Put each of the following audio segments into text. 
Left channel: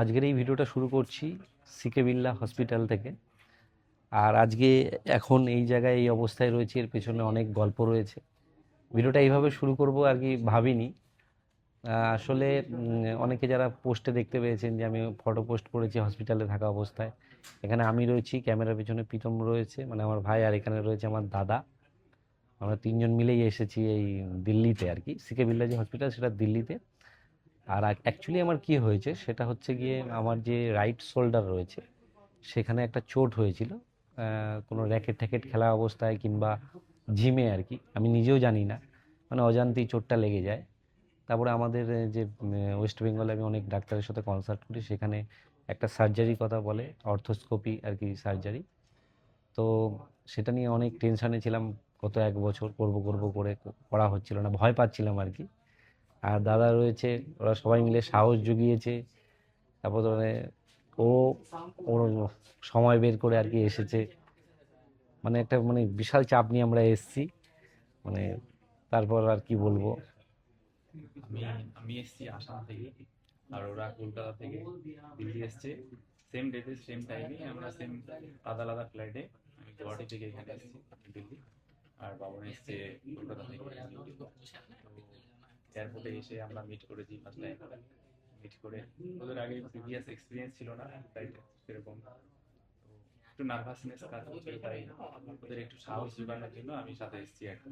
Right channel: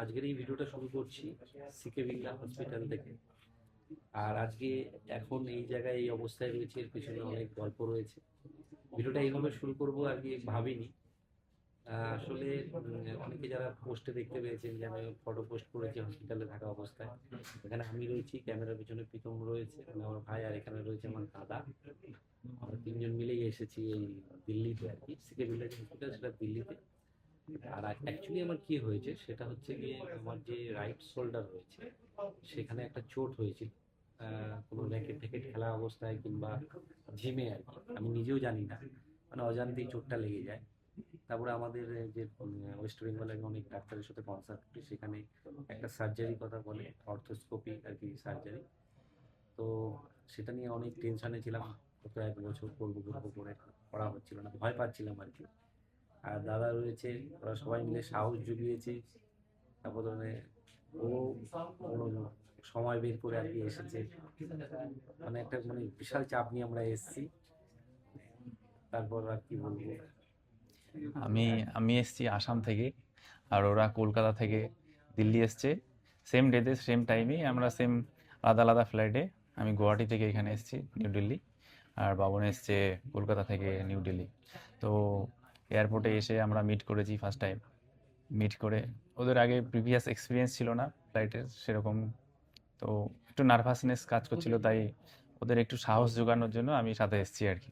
আজকের এই ভিডিওটা শুরু করছি সিকে বিল্লা হসপিটাল থেকে। আর আজকে এখন এই জায়গায় এই অবস্থায় রয়েছে, এর পেছনে অনেক গল্প রয়েছে। ভিডিওটা এইভাবে শুরু করব আর কি ভাবিনি। আসলে অনেকে যারা পোস্টে দেখতে পেয়েছেন যে আমি ফটো পোস্ট করেছি হসপিটালে থাকা অবস্থায়, এখানে আমি রয়েছি, ক্যামেরার পেছনে প্রীতম রয়েছে মানে আমার ভাই আর এখানে রয়েছে আমার দাদা। আমরা তিনজন মিলেই এসেছি এই দিল্লিতে আর কি। সিকে বিল্লা যে হসপিটাল, সেটা দিল্লিতে। আর অ্যাকচুয়ালি আমার কি হয়েছে, সেটা হচ্ছে গিয়ে আমার যে রাইট শোল্ডার রয়েছে, সেখানে একটা চোট হয়েছিল। কোনো র্যাকেট ট্যাকেট খেলা অবস্থায় কিংবা জিমে আর কি, আমি নিজেও জানি না। মানে অজান্তেই চোটটা লেগে যায়। তারপরে আমাদের যে ওয়েস্ট বেঙ্গলে আমি অনেক ডাক্তারের সাথে কনসাল্ট করি, সেখানে একটা সার্জারি কথা বলে অর্থোস্কোপি আর কি সার্জারি তো সেটা নিয়ে অনেক টেনশানে ছিলাম, গত এক বছর করব করব করে করা হচ্ছিল না, ভয় পাচ্ছিলাম আর কি। আর দাদা রয়েছে, ওরা সবাই মিলে সাহস জুগিয়েছে। তারপর ধরে ও, ওর সময় বের করে আর কি এসেছে। মানে একটা মানে বিশাল চাপ নিয়ে আমরা এসেছি। মানে তারপর আর কি বলব? আমি আমি এসেছি আসাম থেকে, আর ওরা কলকাতা থেকে দিল্লি এসছে। সেম ডেতে সেম টাইমে আমরা সেম আলাদা আলাদা ফ্লাইটে আমি গুয়াহাটি থেকে এখানে এসেছি নিউ দিল্লি আর বাবন এসছে কলকাতা থেকে নিউ দিল্লি তো এয়ারপোর্টে এসে আমরা মিট করেছি ফার্স্ট টাইম মিট করে ওদের আগে প্রিভিয়াস এক্সপিরিয়েন্স ছিল না ফ্লাইটের সেরকম। তো একটু নার্ভাসনেস কাজ করছিল তাই ওদের একটু সাহস জোগানোর জন্য আমি সাথে এসেছি আর কি।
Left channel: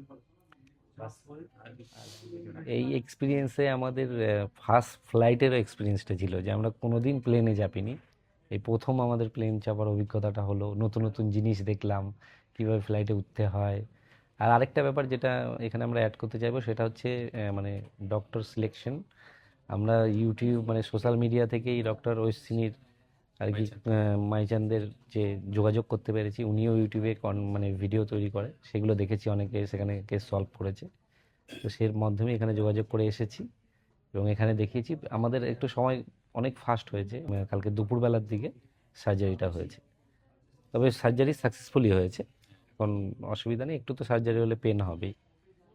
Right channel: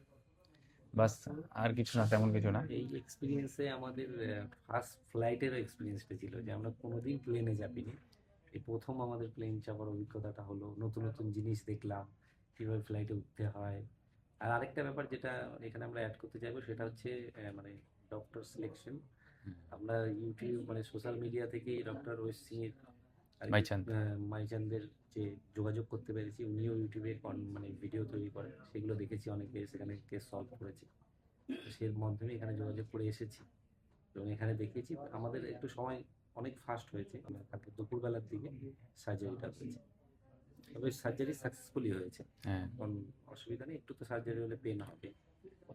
বাস আর কিছু না তেমন কিছু না। এই এক্সপিরিয়েন্সে আমাদের ফার্স্ট ফ্লাইটেরও এক্সপিরিয়েন্সটা ছিল যে আমরা কোনোদিন প্লেনে চাপিনি। এই প্রথম আমাদের প্লেন চাপার অভিজ্ঞতাটা হলো নতুন নতুন জিনিস দেখলাম কীভাবে ফ্লাইটে উঠতে হয় আর আরেকটা ব্যাপার যেটা এখানে আমরা অ্যাড করতে চাইব সেটা হচ্ছে মানে ডক্টর সিলেকশন আমরা ইউটিউব মানে সোশ্যাল মিডিয়া থেকেই ডক্টর ঐশিনীর আর কি মাইচাঁদ। যে যোগাযোগ করতে পেরেছি উনিও ইউটিউবে কন- মানে ভিডিও তৈরি করে। সেগুলো দেখেছি অনেকে সেখানে কেস সলভ করেছে। তো সের মাধ্যমে এখানে যোগাযোগ করে এসেছি এবং এখানে দেখিয়েছি। আমাদের একটু সময় অনেক ফাস্ট হয়েছে কালকে দুপুরবেলার দিকে সার্জারিটা হয়েছে। তবে সার্জারি সাকসেসফুলি হয়েছে। হ্যাঁ। এখন অসুবিধা নেই একটু তো সার্জারি হলে পেন হবেই।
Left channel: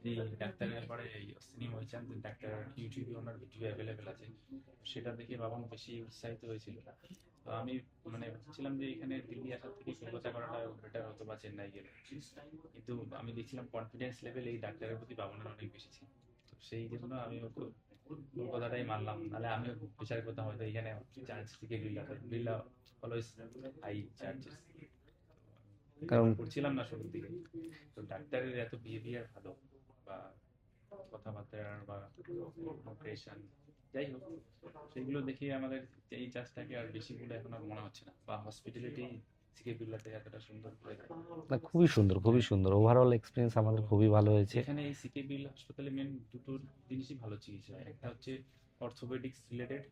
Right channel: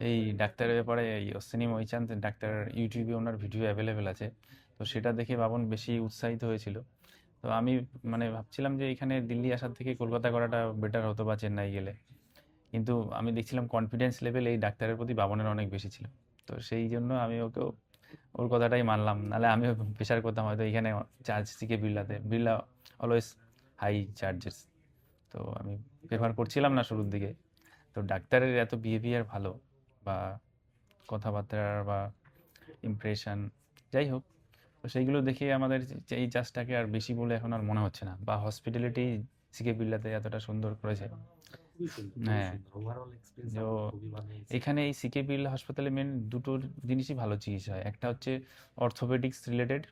এই ডাক্তারের ব্যাপারে এই অশ্বিনী মহিচাঁদ ডাক্তার ইউটিউবে ওনার ভিডিও অ্যাভেলেবেল আছে। তো সেটা দেখে বাবন বেশি উৎসাহিত হয়েছিল। তো আমি মানে ভাবছিলাম যে এখানে দিল্লি আসার থেকে কলকাতা করাটা বেটার হতো বা চেন্নাই গেলে। কিন্তু আমি দেখছিলাম কনফিডেন্স লেভেল এই ডাক্তারের প্রতি বাবনের অনেক বেশি ছিল। তো সেই জন্য আমি ওকেও ওর কথাটাই মানলাম। নাহলে আমিও প্রেশার করতাম হয়তো এখানে চার্জ থেকে বিড়লাতে বিড়লা অলওয়েজ হাই চার্জেস তো আমি প্রেফার করছিলাম না শুরুর দিকে। তো ডাক্তারের এত বিহেভিয়ার ভালো বা কথাবার্তার বা ইমপ্রেশন যাই হোক তো সেইগুলো দেখে আমাদের এই চাষটাকে আর বেশি বলে এখন আর মনে হচ্ছে না বা হসপিটালিটি সিকে বিল্লাতে এতটা সুন্দর করেছে। না খুবই সুন্দর খুবই হ্যাঁ। সুন্দর। ওভারঅল এক্সপিরিয়েন্স আমাদের খুবই ভালো হয়েছে। এখানে এই সিকে বিল্লা হাসপাতালে মেন দুটো জিনিসই ভালো চিকিৎসা হয়। একটা হচ্ছে অর্থোপেডিক্স রিলেটেড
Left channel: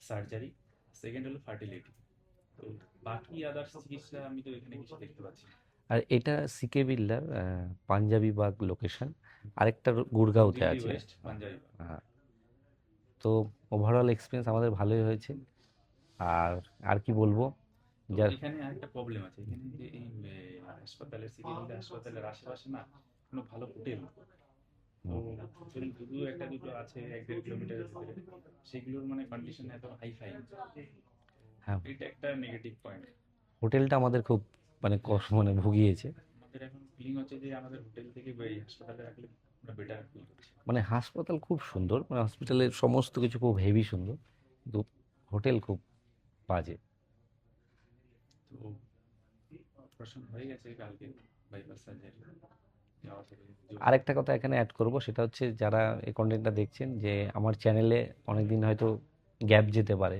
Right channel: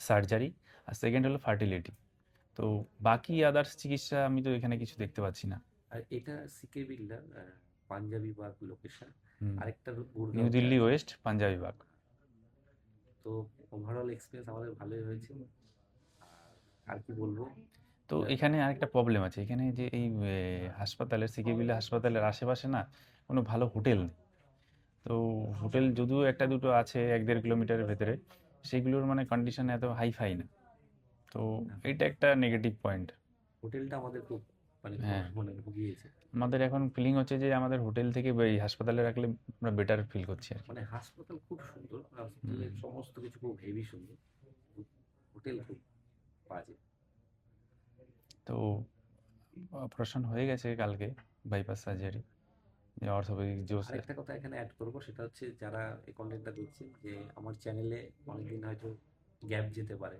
সার্জারি আর সেকেন্ড হলো ফার্টিলিটি তো বাকি আদার্স চিকিৎসা আমি তো এখানে কিছু দেখতে পাচ্ছি না। আর এটা সিকে বিল্লার পাঞ্জাবি বাগ লোকেশন আরেকটা নিউ গুড়গাঁওতে দিল্লি ওয়েস্ট পাঞ্জাবি বাগ। তো ওভারঅল এক্সপিরিয়েন্স আমাদের ভালোই হয়েছে। আর আর কি বলব? তো এখানে আরেকটা প্রবলেম আছে। এখানে যে এই হাসপাতালের বিল্লা হাসপাতালের আশেপাশে না কোনো ভালো হোটেল তো হোটেল যদিও একটা দুটো আছে এক দেড় কিলোমিটারের ভেতরে সেগুলোর মানে কন্ডিশন এত হাই ফাই না। তো হ্যাঁ। এটা একটা নেগেটিভ পয়েন্ট হোটেলটা আমাদের খুব মানে হ্যাঁ। কষ্ট- মানে ভুগিয়েছে। আমাদের এখন ফিলিং হচ্ছে যে আমাদের হোটেল থেকে এই হাসপাতালে রাখলে আমরা বেটার ফিল করছি মানে হাসপাতাল খুব সুন্দর মানে হসপিটালের সমস্ত কিছু খুব হেভি সুন্দর কিন্তু হোটেল খুব বাজে। তো অপারেশন হয়ে গেছে কালকে বাইপাস সার্জারি আরেকটা কথা এখানে অ্যাড করব সেটা হচ্ছে যারা এই কন্টেন্টটা দেখছেন যে আমার চ্যানেলে অনেকদিন হয়তো গ্যাপ যেতে পারে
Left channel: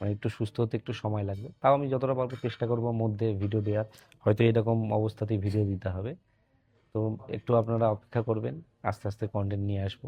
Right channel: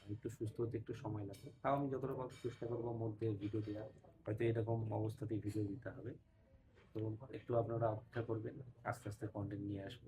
মানে একটু সুস্থ হতে একটু সময় লাগবে। তাও আমি যতটা পারব চেষ্টা করব মধ্যে ভিডিও দেওয়ার। হয়তো এরকম অবস্থাতেই ভিডিও দিতে হবে। তো একটু আপনারা অপেক্ষা করবেন, আস্তে আস্তে কন্টেন্ট নিয়ে আসব।